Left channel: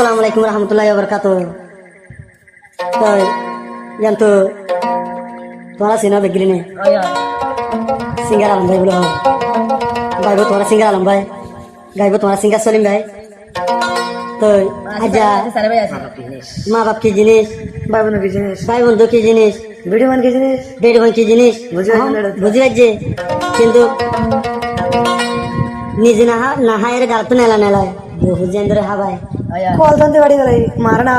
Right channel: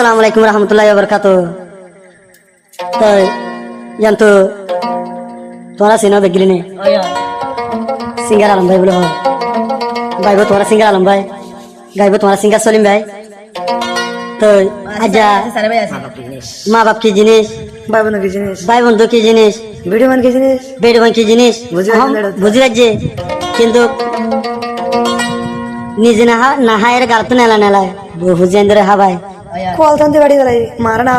Assalamualaikum warahmatullahi wabarakatuh. Toh, yang tu, tuara sini begini nih. Oh iya. Singgah alam bayi belum. Bayi buat tuara singgah alam bayi. Bayi buat tuara singgah solim bayi. Toh, aja. Ma bap ki jinis. ভাই বোন কি জিনিস ভাই বন্ধু কি জিনিস, video মান কি জিনিস বেডমান কি জিনিস বুঝি পাচ্ছে, কিন্তু নিজে না হায়ের গালতে নেলা নেলায় বুঝেন ধরে হাবাই কল তন্তে বাড়ি গেলে মারনা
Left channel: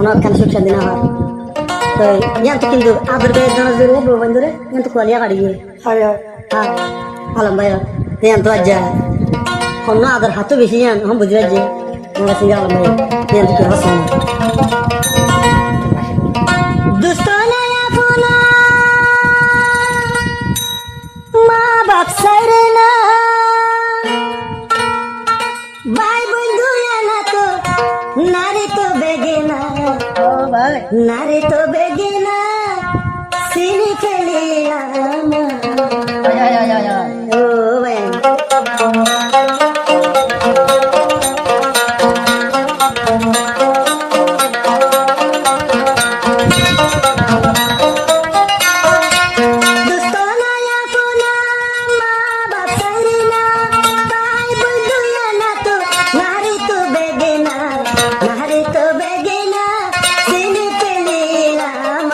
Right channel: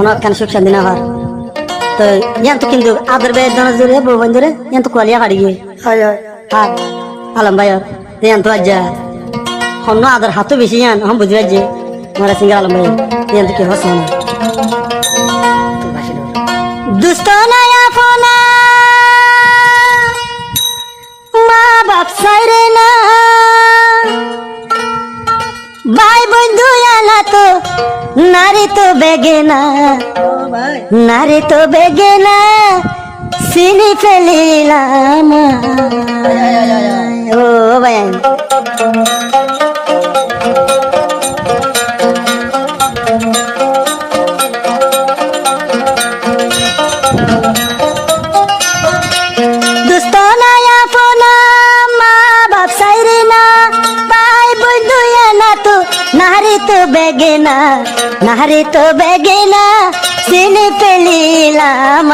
অনেকখান সুখ শান্তি না হয়। তো ইয়ান তো কিন্তু আদর বেদ ধরে ধরে বউবান ধরে ইয়ান তো কোয়ালিয়া কাড়ি গিয়ে হয় হয় আর আলম ভাই ইয়ান তো আজ্জা হন্য আদর হাতও বেশি ইয়ান হম বুঝি পাচ্ছে মারা সিঙ্গা আলম ভাই ইয়ান তো কি হসা না দুষ্ট নাই আপনা মা বাপ সাইরে না ভাই বন্ধু আনা তো নারী তো বেগে না নারী তো বেগে না সিনি ফেলিলাম ও ভাই নাহারে তো বেগে না সিনে পেলিলাম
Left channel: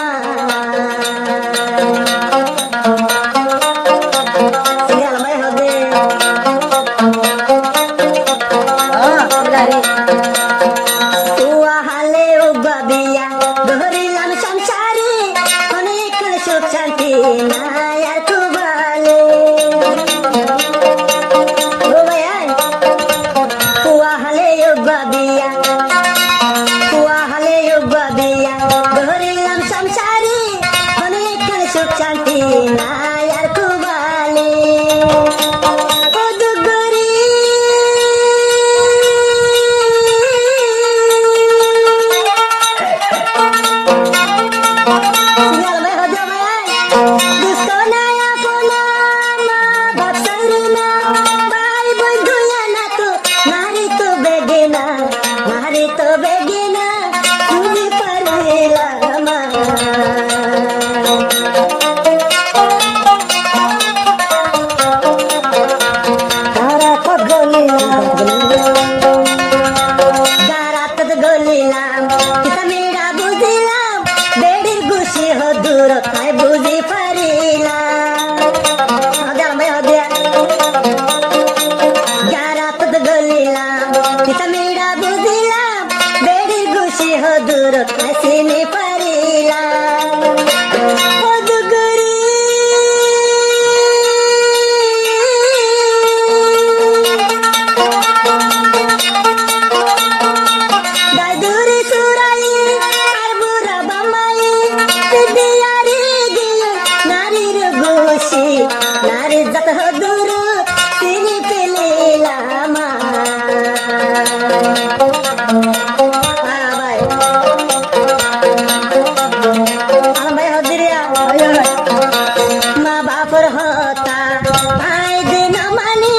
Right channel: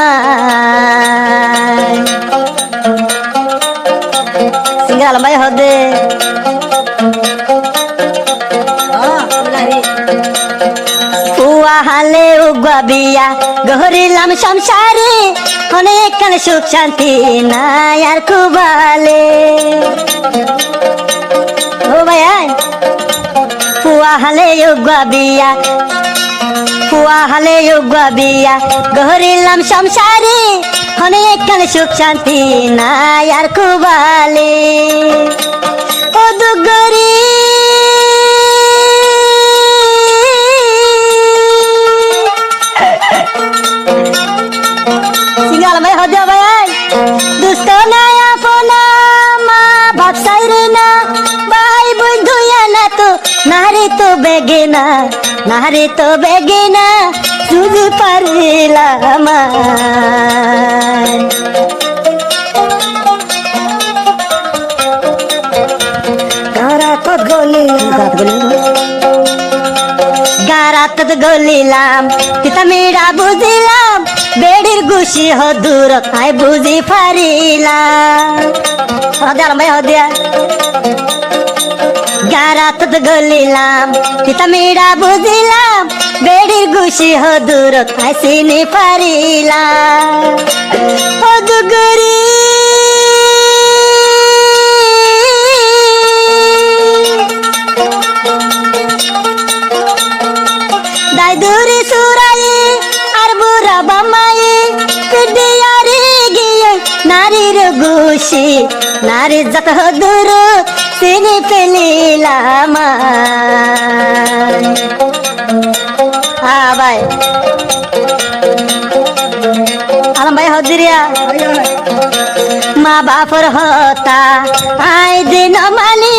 সিঙ্গাল ভাই হদে উয়া হালে উগা বিয়া গহরিলাম সংসারে অনেক সুখ শান্তি নাই আর খুবালে ও ভাই হালে উগা বিয়া গহরিলাম সংসারে অনেক সুখ শান্তি নাই আর খুবালে ও দুগরি সিঙ্গাল ভাই হজা ভাই দুষ্ট নাই আপনা মা বাপ সাইরে না ভাই বন্ধু না তো নারে তো বেগে না নারে তো বেগে না তুই পারিলাম গারাত গলিলাম কিতা মেরা বুঝিলাম বেড়ির গুছি হদুর তাই বুঝি পারিলাম হদে ভাই হদে গারাত গলিলাম কিতা মেরা বুঝিলাম বেড়ির গুছি হদুর তাই চিনি পারিলাম ও দুগরি দাইদুরি সুরাই আর বুড়া বামাই পিডিয়ারে গিয়ে নারীর গুছি নারী যত দূর চিনি পেলিলাম ভাই আলম ভাই হদিরিয়া মা বাপর হতা আই দিন মানি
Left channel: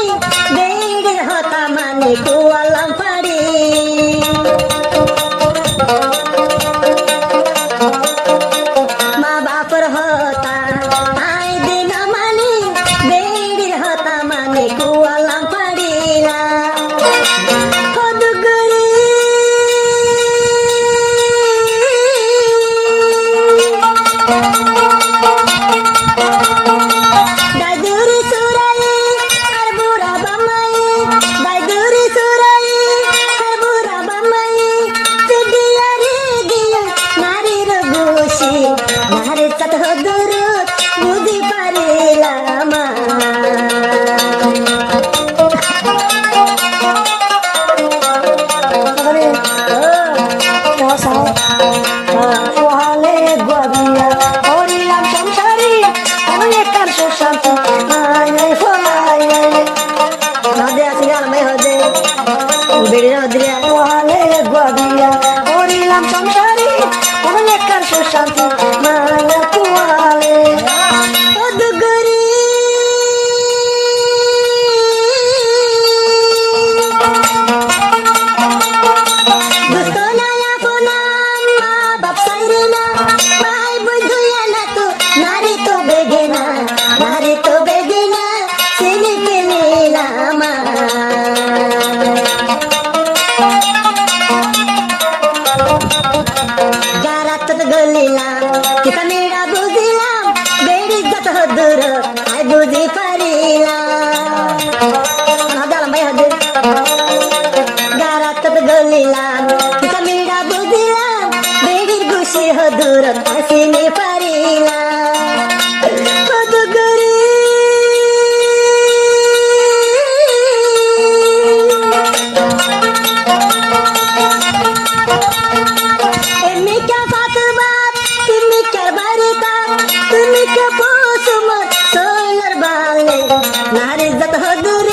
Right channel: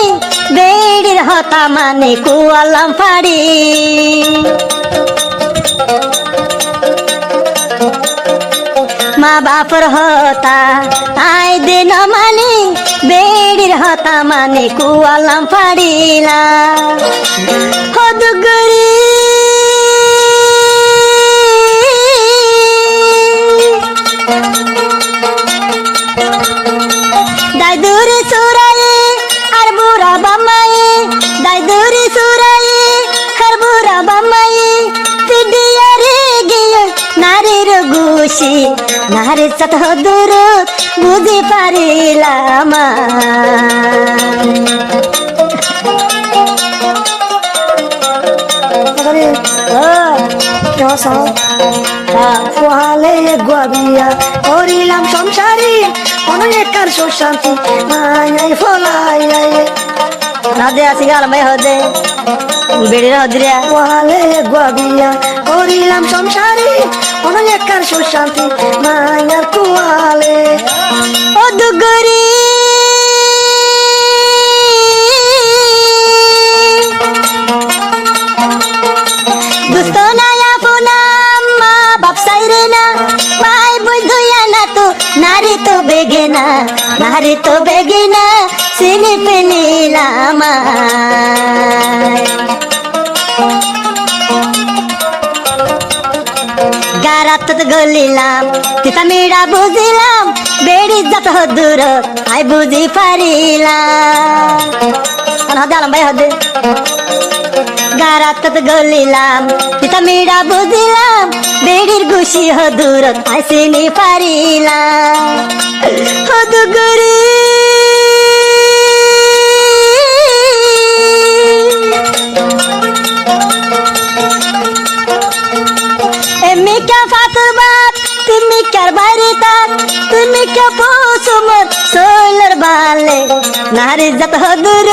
বেড়ির হতা মানে কুয়ালাম পাড়ি মা বাপর হতা আই দিন মানি বেড়ির হতা মানে কুয়ালাম পাড়িলা হদুগরি দাইদুরি সুরাই আর বুড়া বামাই দাইদুরি সুরাই আর বুড়া বামাই পিডিয়ারে গিয়ে নারীর গুছি নারীর সাথ দূর বুঝি পারিলাম গবিয়া হরিলাম সংসারী অনেক সুখ শান্তি হদে আসি গাল ভাই হদে বেড়ির হদিরিয়া ওয়ালে গবিয়া হরিলাম সংসারী অনেক সুখ শান্তি মায়া কুয়ালে ও দুগরি দুষ্ট গারাত গলিলাম তিতা মিড়া বুঝিলাম বেড়ি যত দূর আই বুঝি পারিলাম হদে আলম ভাই হদে গারাত গলিলাম তিতা মিড়া বুঝিলাম বেড়ির গুছি হদূর আই চিনি পারিলাম হদুগুরি এমনি কে ফাতবাত তুমি কার বাড়িতাম তুমি কে পৌঁছমত সোলার বালে নারী যত দূর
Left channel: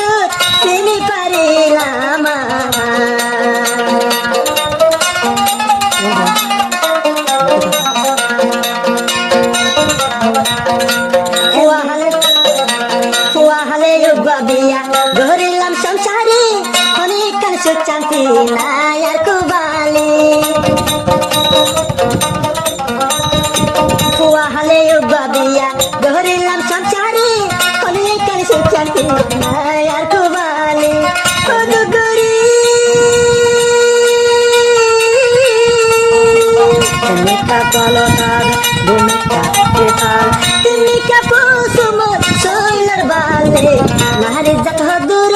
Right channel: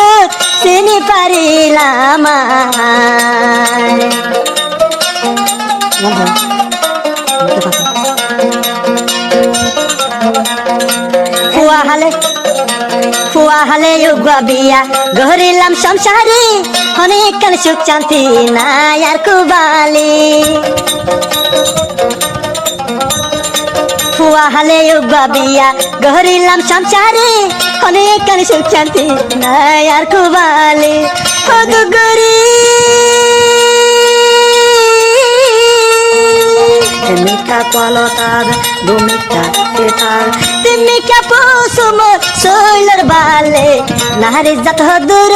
চিনি পারিলাম ফুয়া হালে বিয়া গহরিলাম সংসারী অনেক কাল সুখ শান্তি নাই আর কুবালি ফুয়া হালে বিয়া গহরিলাম সংসারী অনেক কাল সুখ শান্তি নাই আর কুবালি অদুগরি মিঠা কলতার দুমিঠা পেতার তুমি কে পৌঁছমত সোলার বালে নারী যত দূর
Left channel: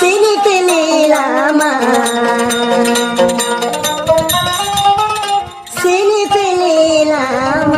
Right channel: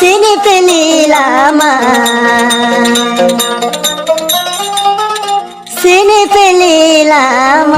চিনি পেলিলাম চিনি পেলিলাম